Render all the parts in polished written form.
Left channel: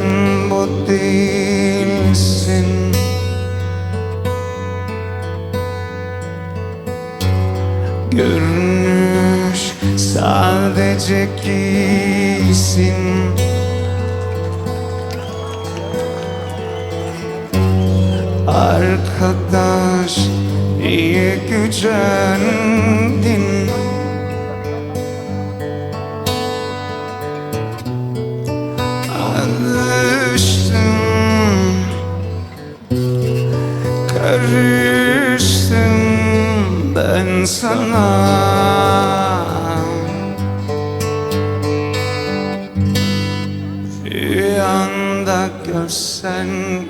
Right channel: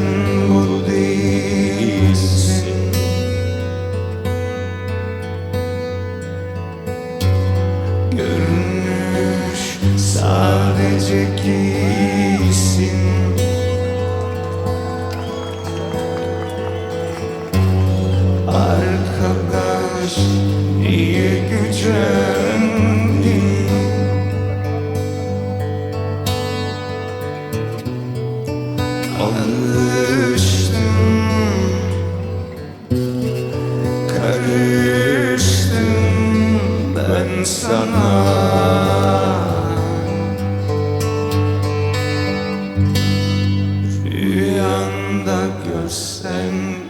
sen bu değilsin. Görünüş sadece giysin. Arkadaş niye gücendin? Alıştım, karıştım ben sana. Rüyanda görsen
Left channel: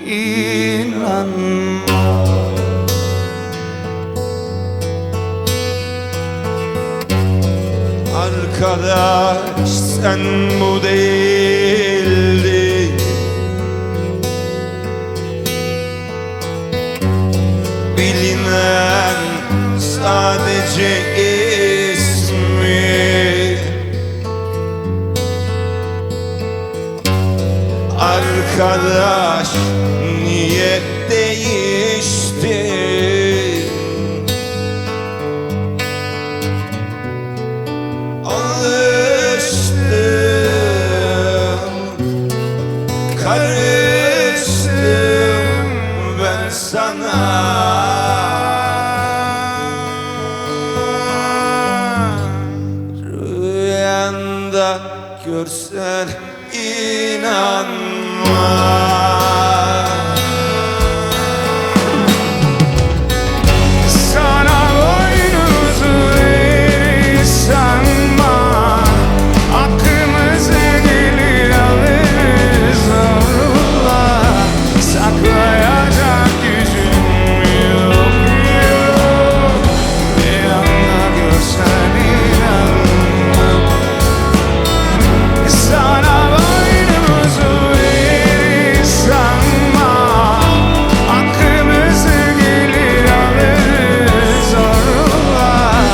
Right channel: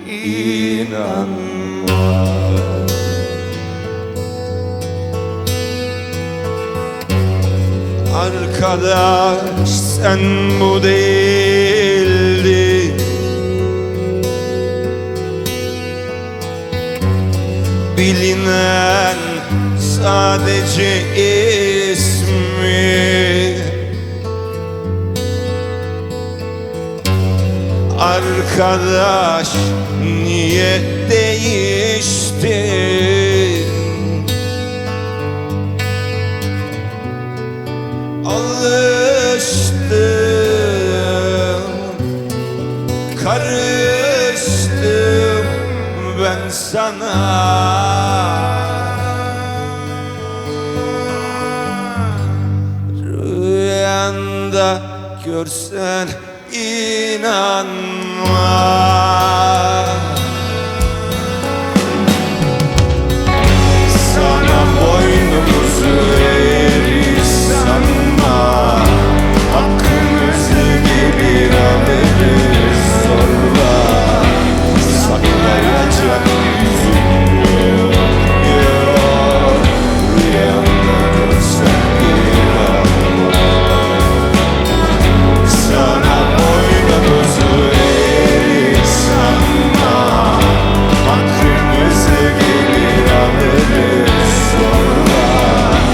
inanma. Arkadaş sen bu değildin. Bilinen sadece ismi. Arkadaş niye değiştin? Alıştım, karıştım ben sana. Rüyanda görsen inanma. Sana boynumuzu eğri sanma. Hakkımızı gelir alırız zorla. Saklayacak gücüm yok, yok. Rüyanda görsen inanma. Sana boynumuzu eğri sanma. Hakkımızı gelir alırız zorla.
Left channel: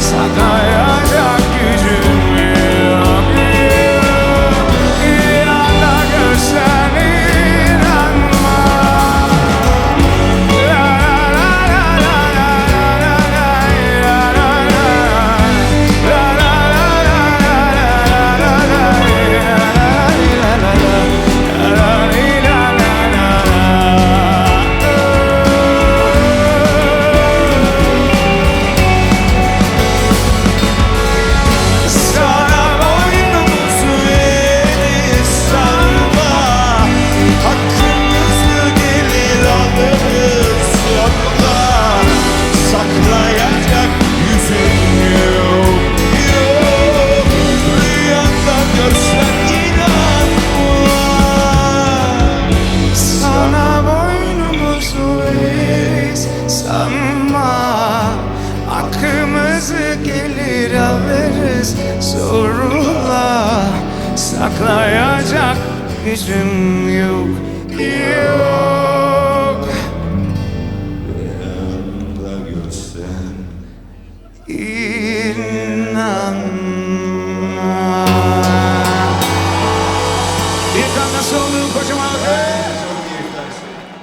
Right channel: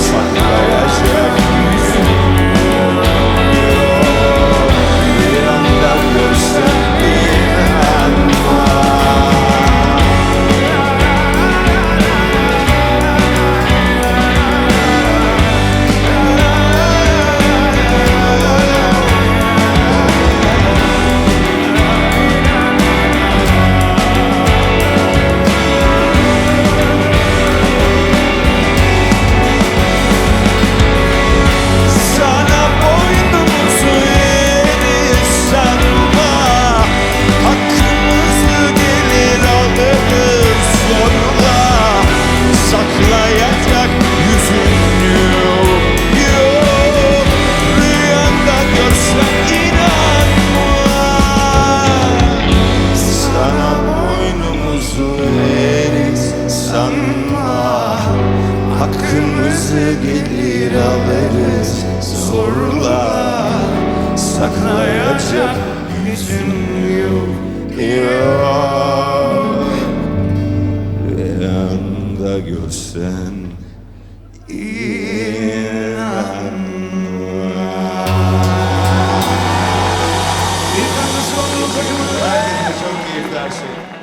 Saklayacak gücüm yok, yok. Rüyanda görsen inanma. La la la la la la la la la la Sana boynumuzu eğri sanma. Hakkımızı gelir alırız zorla. Saklayacak yüzün yok, yok. Rüyanda görsen inanma. Sana boynumuzu eğeriz sanma. Hakkımızı gelir alırız zorla. Saklayacak gücüm yok, yok. Rüyanda görsen İnanma. Bir kanlı solu kocaman. herkese çok keyifli her şey.